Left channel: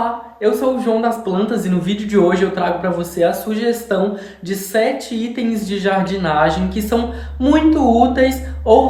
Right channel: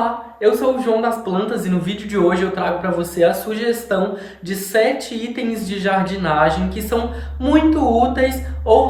Olá, eu sou o João das Plantas e no vídeo de hoje eu trago para você a sugestão de 7 itens de jardinagem que são muito úteis ou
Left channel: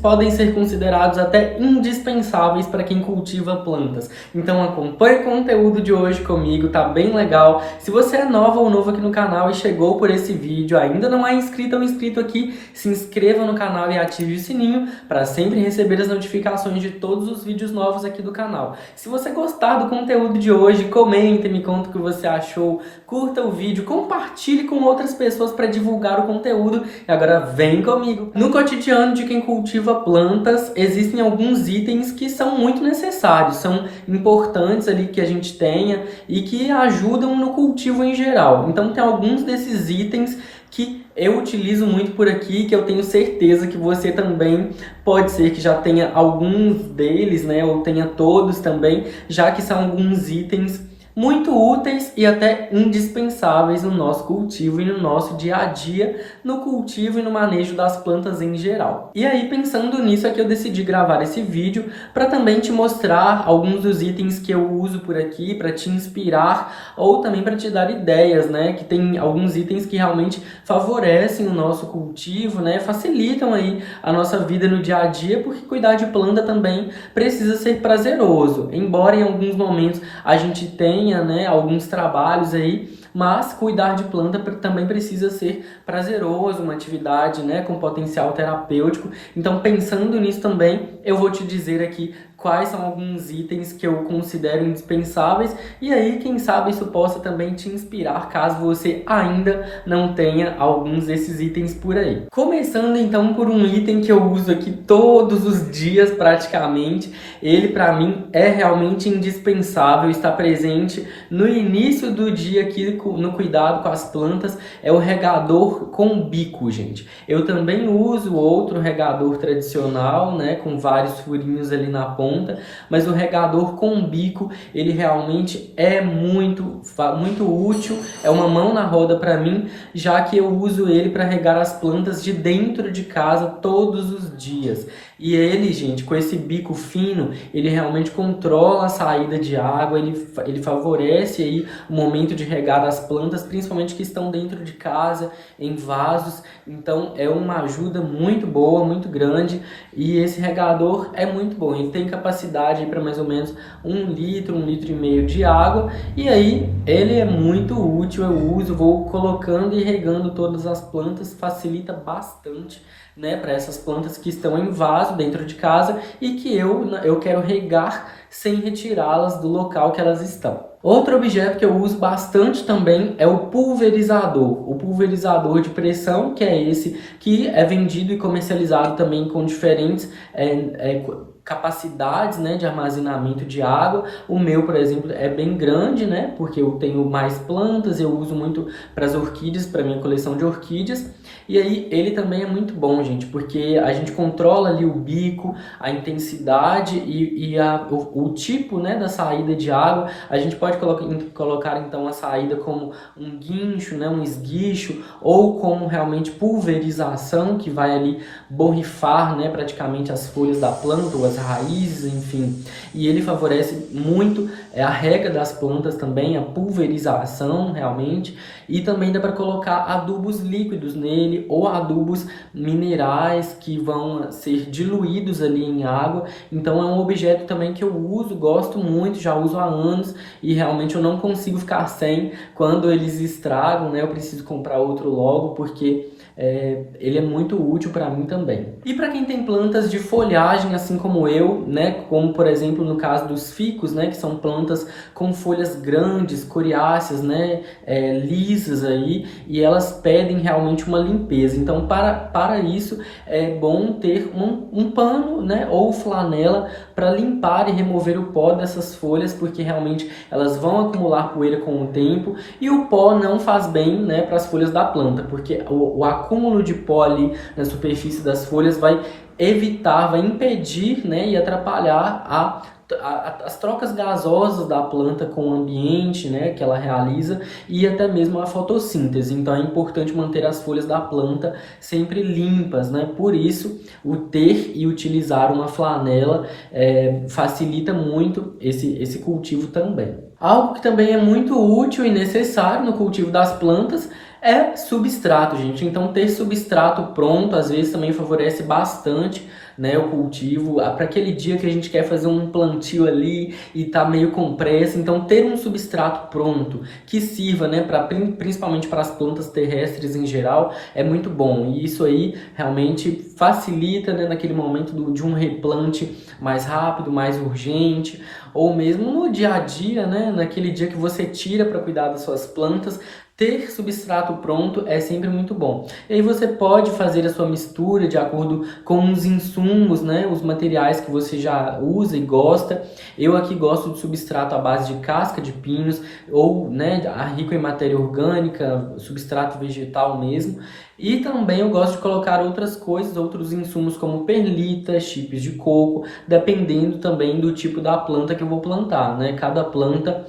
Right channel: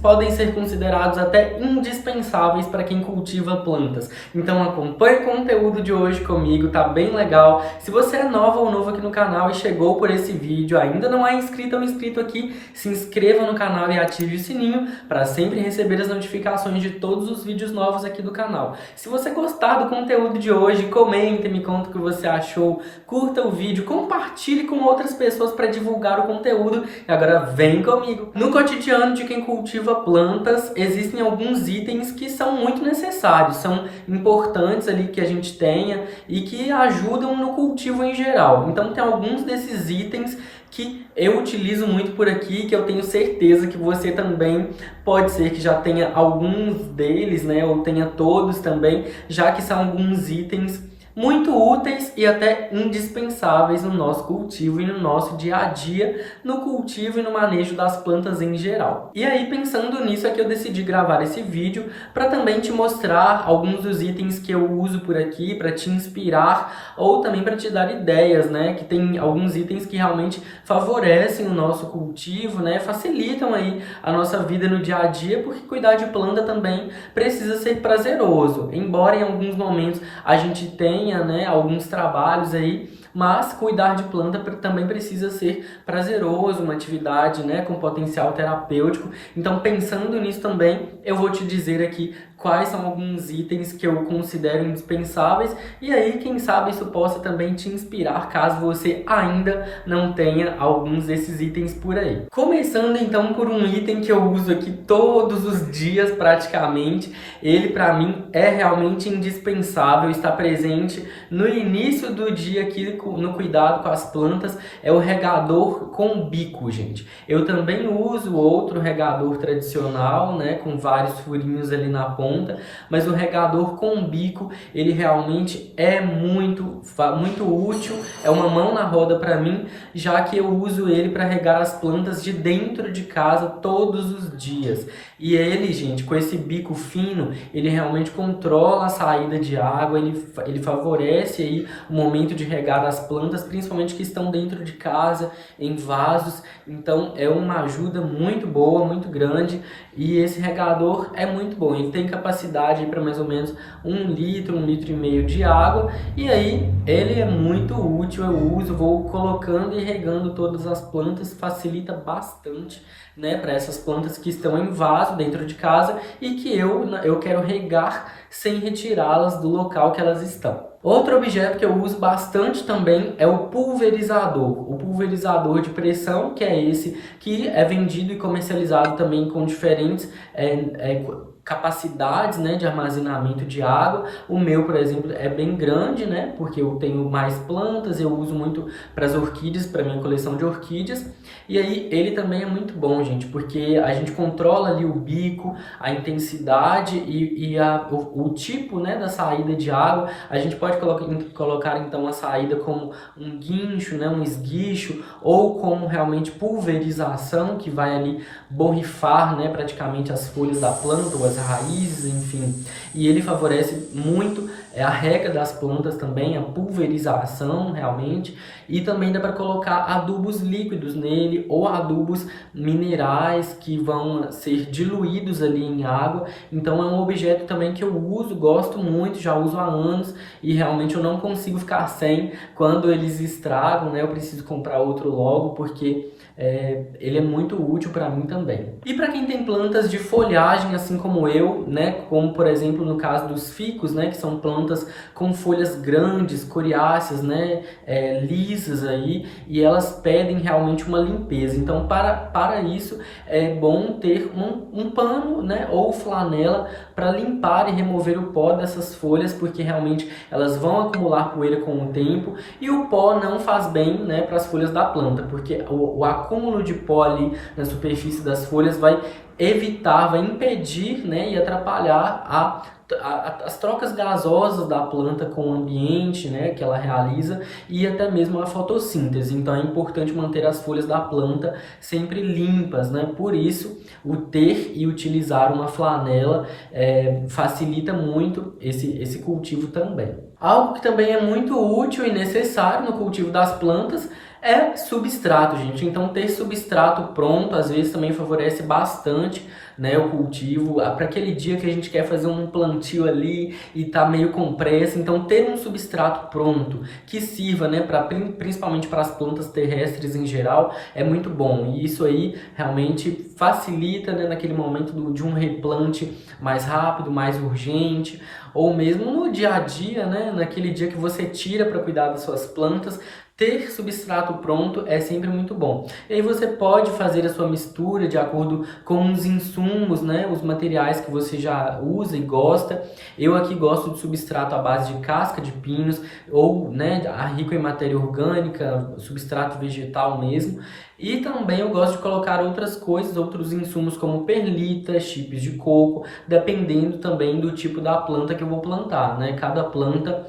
podem ser considerados até indispensáveis para quem cultiva plantas. Então acompanhe o conteúdo de hoje comigo, tá bem legal. Se você é nova ou novo aqui no canal e chegou por esse vídeo, ainda não é inscrito ou inscrito aqui, se inscreva no canal e ative o sininho para sempre receber as notificações de todos os vídeos novos aqui do canal. Se você gostar do conteúdo de hoje, comente, me conta o que você achou, curta o vídeo, compartilhe com outras pessoas para divulgar o conteúdo e agora vem comigo. No cotidiano de quem cultiva plantas, existem alguns itens que são muito necessários, são importantes ali que a gente tenha e que ajudam no cultivo em geral. Então tem alguns desses itens que eu utilizo muito por aqui, que eu tenho certeza que você também pode ser que já tenha alguns deles, né, ou tenha todos também, já que são alguns itens muito úteis e até indispensáveis no nosso cultivo e no nosso dia a dia, no cultivo e no manejo das plantas em geral. E aí, pensando nisso, é que eu decidi gravar esse vídeo para também te mostrar alguns dos itens que eu uso por aqui, para te inspirar ou também para te dar ideias, né? Que tem alguns itens que realmente favorecem o nosso cultivo, né? Facilitam aí a nossa vida no dia a dia, porque cuidar de planta também precisa ser prazeroso. Embora em alguns momentos a gente tenha, né, alguns trabalhos aí, mas cuidar de planta também precisa ser prazeroso, uma atividade, né, com potencial terapêutico. Então, pensando nisso também, eu vou te dizer aqui quais são alguns itens que eu considero indispensáveis e aí, quem sabe, isso possa também te inspirar caso você ainda não tenha alguns desses itens por aí. Começando então por um item que eu uso aqui todos os dias praticamente, ele para mim é realmente indispensável, está presente no início do dia aqui no cuidado com as plantas, é o regador com bico, gente. Eu também uso outro regador tradicional, né, com vários furinhos ali na ponta, mas o regador com bico, ele realmente é muito útil, é uma mão na roda para mim, já que eu uso ele para regar as plantas de dentro de casa todos os dias. E ele, gente, com esse bico fino, ele realmente controla a saída de água, ele favorece aí o momento de regar as plantas, principalmente que estão dentro de casa, em vasos. Então é uma ajuda muito boa, muito grande, e esse regador é muito bom. Ele tem capacidade para mais ou menos 1 litro, 1,5 litro de água, e aí ele é muito útil, eu uso, vou colocando e regando todas as plantas, facilita bastante, né, para essas plantas que estão em vaso dentro de casa e que eu quero regar sem retirá-las do local que elas estão. Outro objeto que eu uso bastante também é o pulverizador. O pulverizador de pressão, que é esse que é vendido e comercializado também com diferentes capacidades, né, de armazenamento de água. O meu, por exemplo, é bem grande, né, porque eu tenho mais plantas, eu uso muito para as orquídeas, para minha coleção de orquídeas. E aí ele também é muito bom, gente, porque a gente controla ali o bico, a intensidade e o tipo, né, da saída de água. A gente pode colocar então a saída como um guincho, né, um esguicho, ou como realmente pulverização, que vai ali borrifar, né, praticamente as folhas da planta ou as raízes, enfim. E ele favorece muito a rega das plantas também, a pulverização realmente, e também dá para colocar adubos líquidos nele ou adubos minerais que vão ser diluídos ali em água. Então é um objeto também que eu uso, gosto muito, já uso há anos e realmente eu não consigo ficar sem. Quando eles estragam, né, eu preciso comprar outro logo, porque ele é muito útil para mim também. E para quem tem plantas de folhagem, assim como eu, né, como por exemplo no caso dos ficus, né, que são plantas com folhas grandes, coriáceas, né, lisas aí, e elas pedem realmente uma limpeza. Então para isso é bom ter um pano, né, ou flanela para limpar e remover o pó dessas folhas, porque realmente elas vão acumular poeira com o tempo e o pó não faz bem, né, para as folhas da planta, porque o acúmulo de pó ali na superfície das folhas vai impedir, né, e atrapalhar as trocas gasosas da planta com o ambiente, né, que ela realiza, e até mesmo a fotossíntese. Então é importante manter as folhas da planta sempre limpas, né? Por isso, o ter e utilizar uma flanela facilita muito esse cultivo também. Algo que também é muito útil e necessário no cultivo das plantas é substrato, gente. Então ter substrato pronto às vezes também favorece bastante, né, o cultivo, para aquele dia que a gente quer fazer um plantio ali e tá meio com pressa. Então ter um substrato pronto que sirva, né, principalmente para as plantas terrestres em geral, é muito bom. E isso aí realmente facilita, né, naquele momento de um replante mais rápido, mais urgente, ou mesmo no dia a dia, né, naquele dia que você tira para cuidar das suas plantas. Ter substrato pronto é sempre muito bom. E aí você pode fazer a sua mistura de acordo com os insumos, né, os materiais que você já usa e gosta. Eu aqui gosto de substrato à base de casca de pinos ou, né, rico em matéria orgânica, substrato vegetal mesmo. E também eu gosto de colocar outras coisas, outros insumos como perlita, chips de coco, dependendo também do tipo da planta que eu vou plantar, né? Cada planta,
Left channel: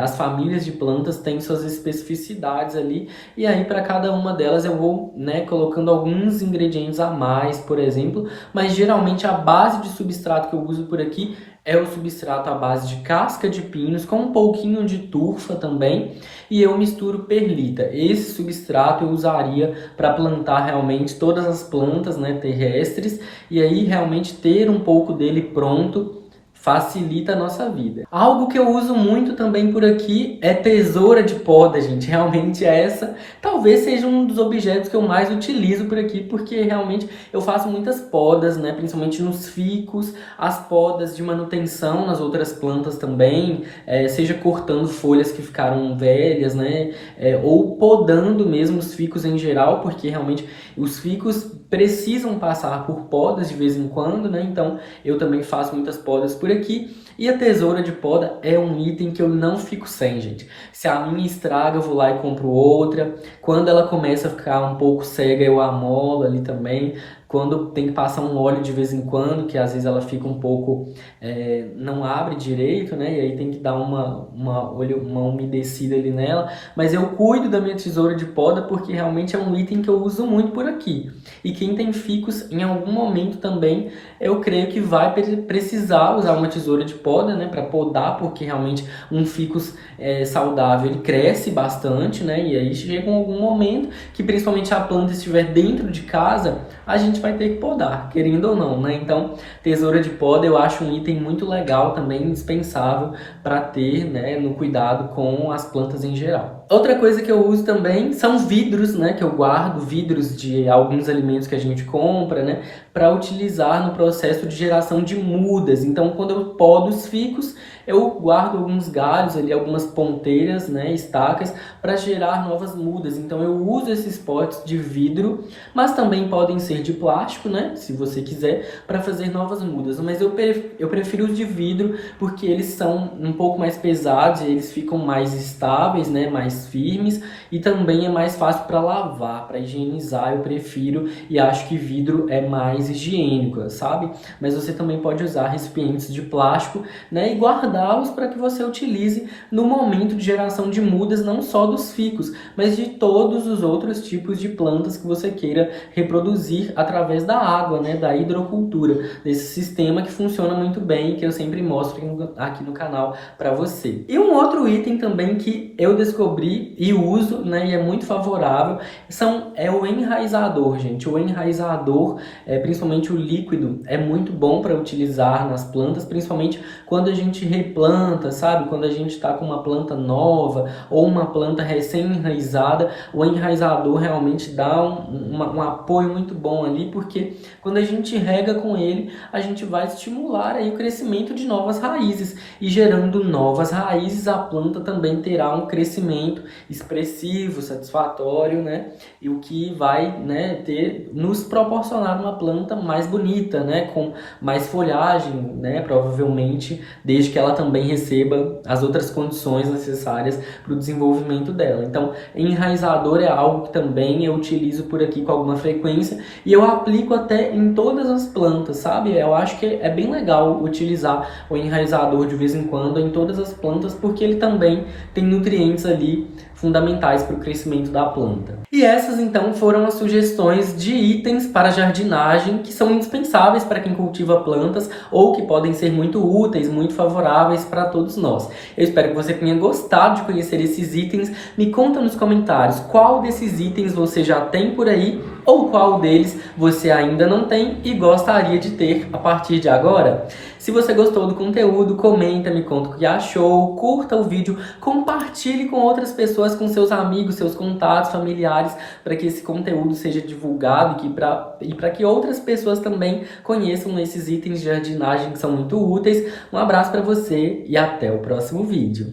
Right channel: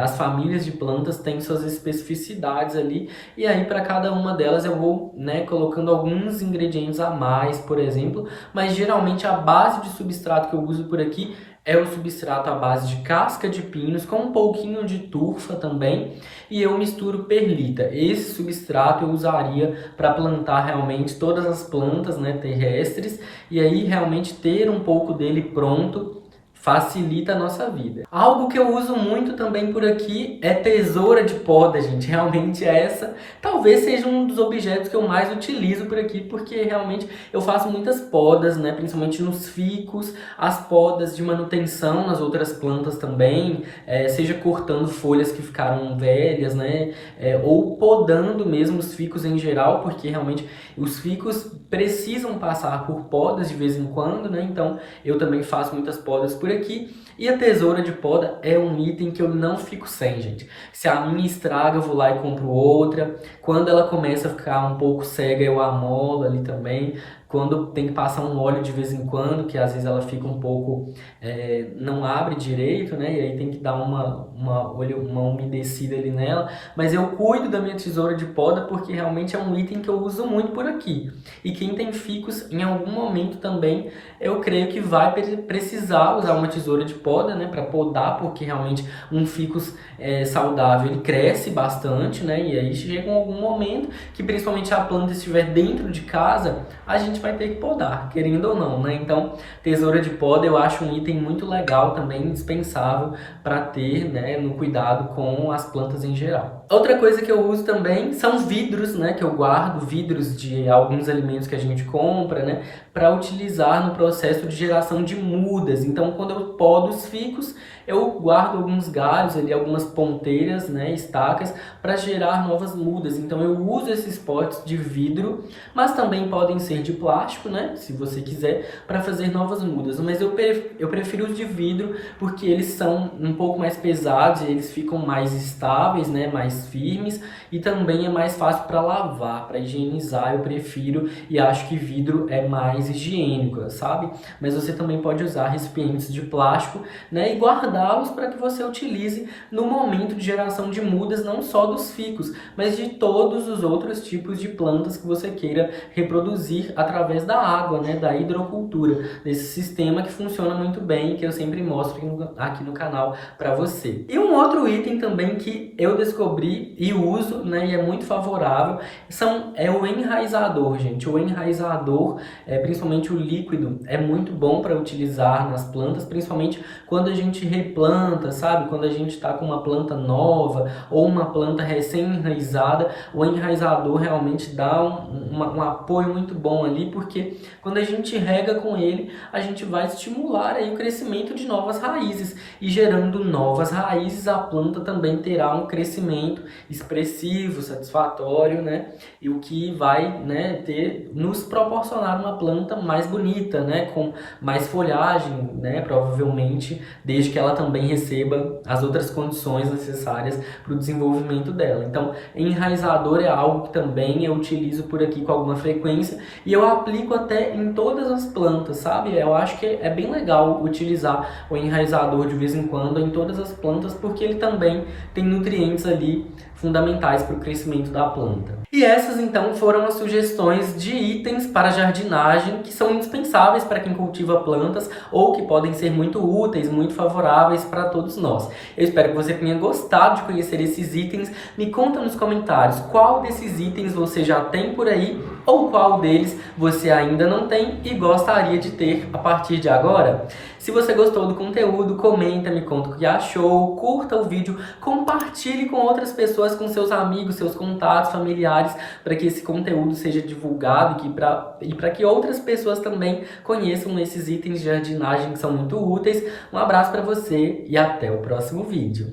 as famílias de plantas têm suas especificidades ali, e aí para cada uma delas eu vou, né, colocando alguns ingredientes a mais, por exemplo, mas geralmente a base de substrato que eu uso por aqui é o substrato à base de casca de pinos com um pouquinho de turfa também, e eu misturo perlita. Esse substrato eu usaria para plantar realmente todas as plantas, né, terrestres, e aí realmente ter um pouco dele pronto facilita a nossa vida. Algo que eu uso muito também por aqui é tesoura de poda, gente. Realmente essa talvez seja um dos objetos que eu mais utilizo por aqui, porque realmente eu faço muitas podas, né? Principalmente nos ficus, as podas de manutenção nas outras plantas também, seja cortando folhas que ficaram velhas, né? Ou podando mesmo os ficus em geral, porque realmente os ficus precisam passar por podas de vez em quando, né? Então eu também faço muitas podas por aqui. E a tesoura de poda é um item que eu não fico sem, gente. Se a minha estraga, eu vou lá e compro outra. Quando ela começa a ficar um pouco cega, eu amolo ali também. Quando tem que passar um óleo de vez em quando, que às vezes ela fica um pouco, não abre direito, né? E aí tem que dar uma umedecida ali nela. Mas eu cuido da minha tesoura de poda porque realmente é um item que eu uso muito por aqui. E quem tem ficus, em algum momento também, eu creio que vai precisar usar uma tesoura de poda, né? Para podar, porque realmente um ficus saudável, ele cresce bastante, né? E aí chega algum momento que principalmente a planta estiver dentro de casa, a gente vai ter que podar, querendo ou não, né? Então, tesoura de poda eu acho um item muito legal também, indispensável para ter, né, no cuidado com as plantas em geral. Outra coisa que eu uso também são vidros, né, que eu guardo, vidros de alguns alimentos que a gente compra, né, para utilizar no processo de geração de mudas. Então, quando eu podo os ficus, eu guardo alguns galhos ali, algumas ponteiras, né, estacas, para gerar novas mudas. Então, eu uso esses potes de vidro, mas também podem ser de plástico, né, se você quiser, para fazer novas mudas. Mas eu prefiro os de vidro porque eles são um pouco mais pesados, eles ficam mais estáveis, né, mais firmes, e também é mais fácil para lavar, para higienizar. Eu prefiro e acho que vidro é mais higiênico, sabe? Mas você também pode usar recipientes de plástico, né, e guardá-los para que você utilize no momento de geração de mudas, não só dos ficus, mas de todos os outros tipos de plantas que você queira reproduzir através da água, né, da hidrocultura, desse sistema que funciona muito bem, que eu sempre mostro aqui no canal para você. E um outro item também que eu descobri e uso, né, e é muito favorável, é o enraizador, gente. O enraizador, principalmente o líquido, é muito bom para utilizar nas plantas, principalmente quando a gente replanta, sabe? Quando a gente está com uma planta nova ou uma planta recém-enraizada, o enraizador realmente dá um apoio muito bom ali, porque quando a gente rega com ele, a gente vai estimular aí o crescimento de novas raízes, e gerando novas raízes, a planta também terá um crescimento expressivo, satisfatório, né? E o que vai, né, nos proporcionar uma planta mais bonita, né? Com mais folhagem, né? Provavelmente, desde que ela também receba as outras condições necessárias para o desenvolvimento dela. Então, enraizador é algo que também eu utilizo por aqui com alguma frequência e eu aplico até em todas as plantas, sabe? Eu acho que é bem legal utilizar o enraizador de vez em quando em todas as plantas, porque ele também tem nutrientes ali fundamentais para o crescimento da planta. E essas então foram as sugestões de itens para jardinagem que são indispensáveis para quem cultiva plantas ou que podem ser muito úteis, muito favoráveis para todos nós. Eu espero que você tenha gostado de conhecer esses itens. Me conta nos comentários qual desses itens você já tem por aí ou qual deles você ainda não tem e gostaria de ter a partir de agora. Se você gostou do conteúdo, comenta, me conta o que achou, curta o vídeo, compartilhe com outras pessoas, com seus amigos, seus contatos, familiares, para que esse conteúdo seja divulgado e para que outras pessoas também conheçam esses itens de jardinagem que são muito úteis. Um abraço para você e até o próximo vídeo.